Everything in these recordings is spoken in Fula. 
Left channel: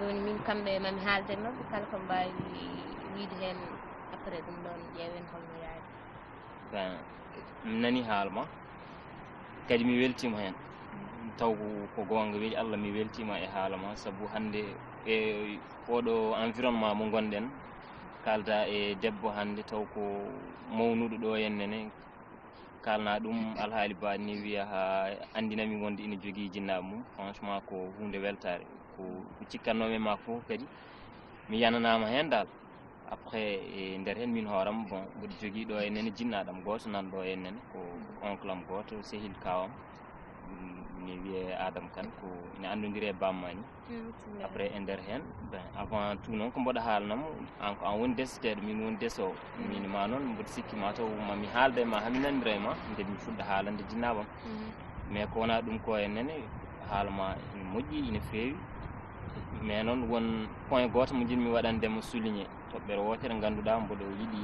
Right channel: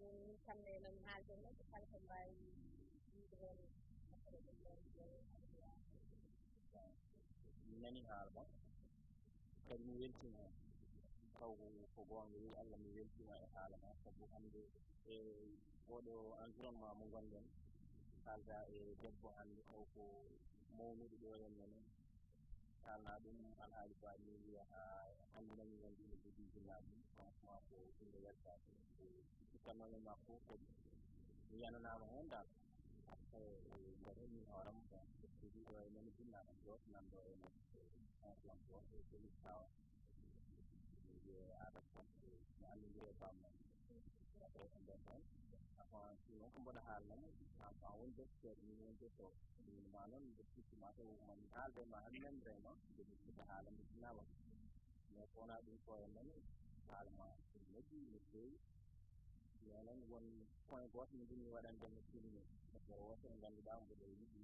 joni min kamɓe mami haalden noon kala ko mbawi wiide hen après ɗum ɗon ƴeewen holno yaari. Ben mi nani haalma kadi mi weltima hen taw ko gonga weeli Allah mi weltima e haalama saabu hande e oɗo environnement mo gonɗen kalda e debbo hande taw ko mawnuɗo ɗo hennene kalna ɗum alhaali ba ni wiya ha andinami wonde ina jogui jinnaɓe mum franchement ko hunde weltare ko cikkannomi ma fof kadi mi yananama hen dal après e nder hen min hooram bon mboɗo jogui ɗo hennene jinnaɗam goto nanɗo hennene ko oncle am goto sehil kawam mi wiye Adama Kane ko ina andodiri e bammani après e nder hen ben avant tout noon ko mboɗo haalnamo an ko an woni deseteɗo min woni desowo min ma noon mboɗo sikki mataw mami haalda e ma hami nanodira e ma nde mi fuɗɗa haalande jinnaɓam mais ko wona ɗum ko hennene haalama ina moƴƴi ina feewi mais noon won point goto mo jinmi waɗandemo souligné toɓɓere wotere ganduɗa mboɗo yiiɗi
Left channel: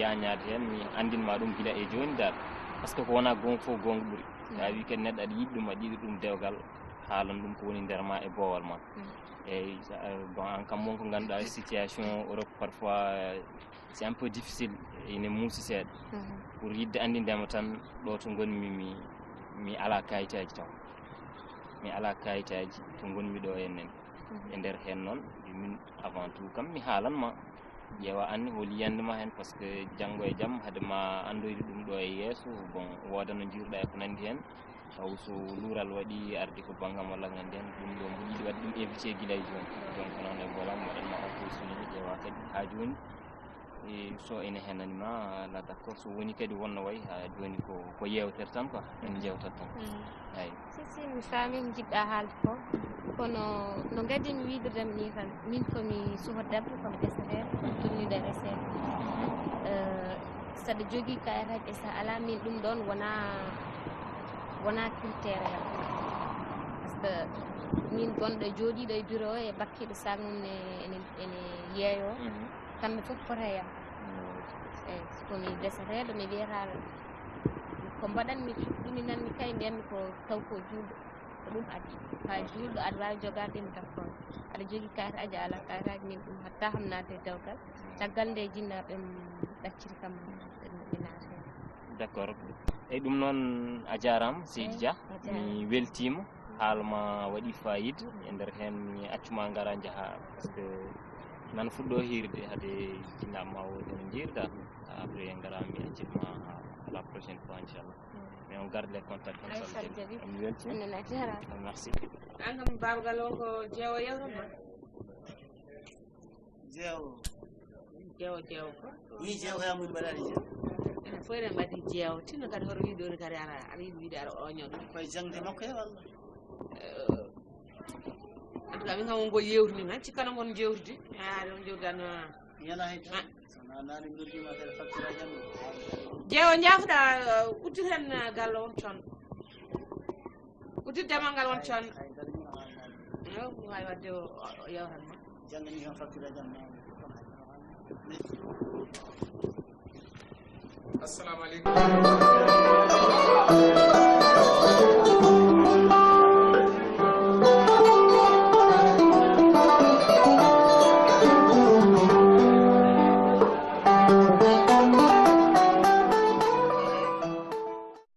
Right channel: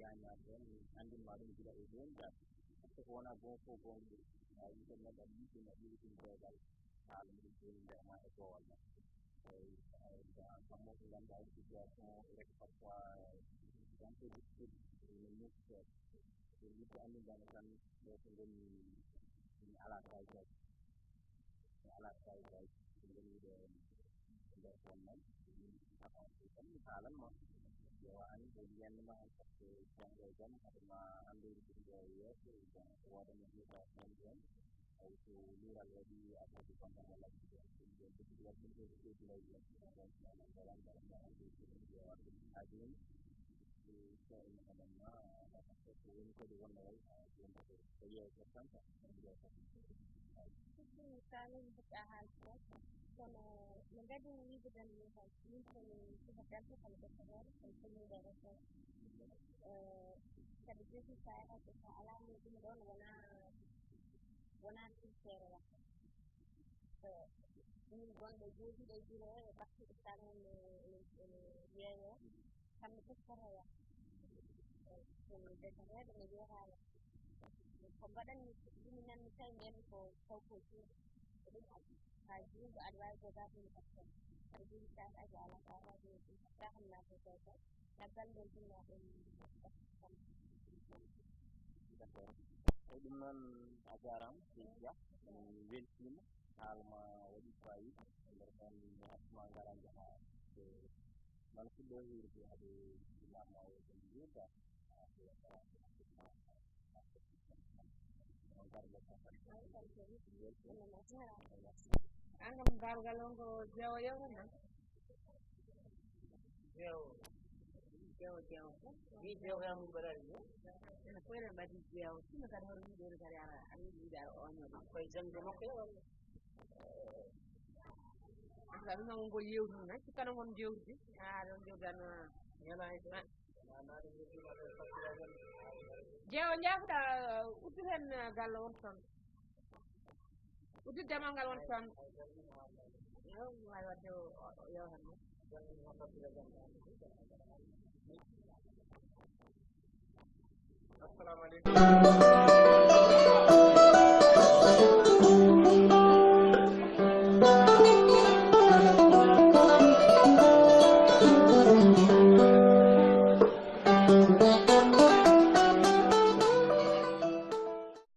yañade hen mi andinma ɗum guila e joni dal par ce que ko wona gonga foof gonga ɓuuri sa wi kadi neɗɗo aɗa yiɗi ɗum aɗa yiɗi ɗum dewgal haalan ɗum ko woni nder ma e boowal ma eyyi bon an kam wonko ganduɗa situation Europe parfois c'est un peu difficile ine muusi seeɗa pour yidde andindema tan ɗo to gonmi mi ala kayitaji taw mi ala kayitaji to gonmi ɗo hennene e nder hen noon min avant tout kam mi haalanma ƴeewa anne holi yiyandema hen par ce que janggo e jaam haadema andoyde ɗum ɗo e yesso bon woda no jiruɗa e ko nandi hen taw so luural waɗi arde ko banggam walla ko nandi hen ɗum ɗo mboɗo yiiɗi wadde ɗum évité guila e joni donc noon e golam waɗanma encore souligné ƴeewa kadi ha joni e so ene henanima ala d' accord so woni kadi wonno wayi ha joni ko yewtere tan quoi en jewtat tan eyyi si mi faami jiɗɗa haalde ko kono no gadimi wiidudema ni tan min komi suho debbo komi deseteɗo tonnude resede saɗa jogui kayitaji e sa ala min ɗum ɗon wona critére yam par ce que min gonɗo jooɗiɗo e bureau e bakkiɗo sac mum ene yeeyo kamɓe foof pota yam eyyi sokomi deseteɗo mi wiyata ko mbaɗanmi ɗuminanmi kay mbiyatmi ko taw ko julɗo ko ɗum addi ha julɗo aɗa wawi jogademo d' accord aɗa jogui kayitaji ala kayitaji min ɗum hatta ham naate dewgal caggal nde jinnaɓe ɗacciri kam mi naata hen d' accord eyyi ɗum noon a jarama Seydi Dia mi weltima haalma waɗi fayida e nder hen mi accuma gara jaaha par ce que nana fuɗɗo hirde haade jinnaɓe ma wodi no jiirda après gara mi accitma à la prochaine fois inchallah mais on garde les contacts comme ça mi weltima merci an kam babagal o ko jeewo yewtoma jeewo ko wi jeewo yamuɗi mbaɗani jeewo enen fof eɗen mbaɗi jeewo tinno kadi hoto wiide ɗoni kadi aɗa yiɗi wiide aɗa oñoɗo koye jangde makko e walla en tout cas min kam wongo yewtini tan cikkano gon jewtude aɗa on jewtidano ñala hay tan sona nani noddima kadi facture a jamma jeewo jaafuɗa uddir hen galle on conɗo uddir demal ngal on conɗo ko wawi wadde o yewtanma jangani kam facture a jamma assalamu aleykum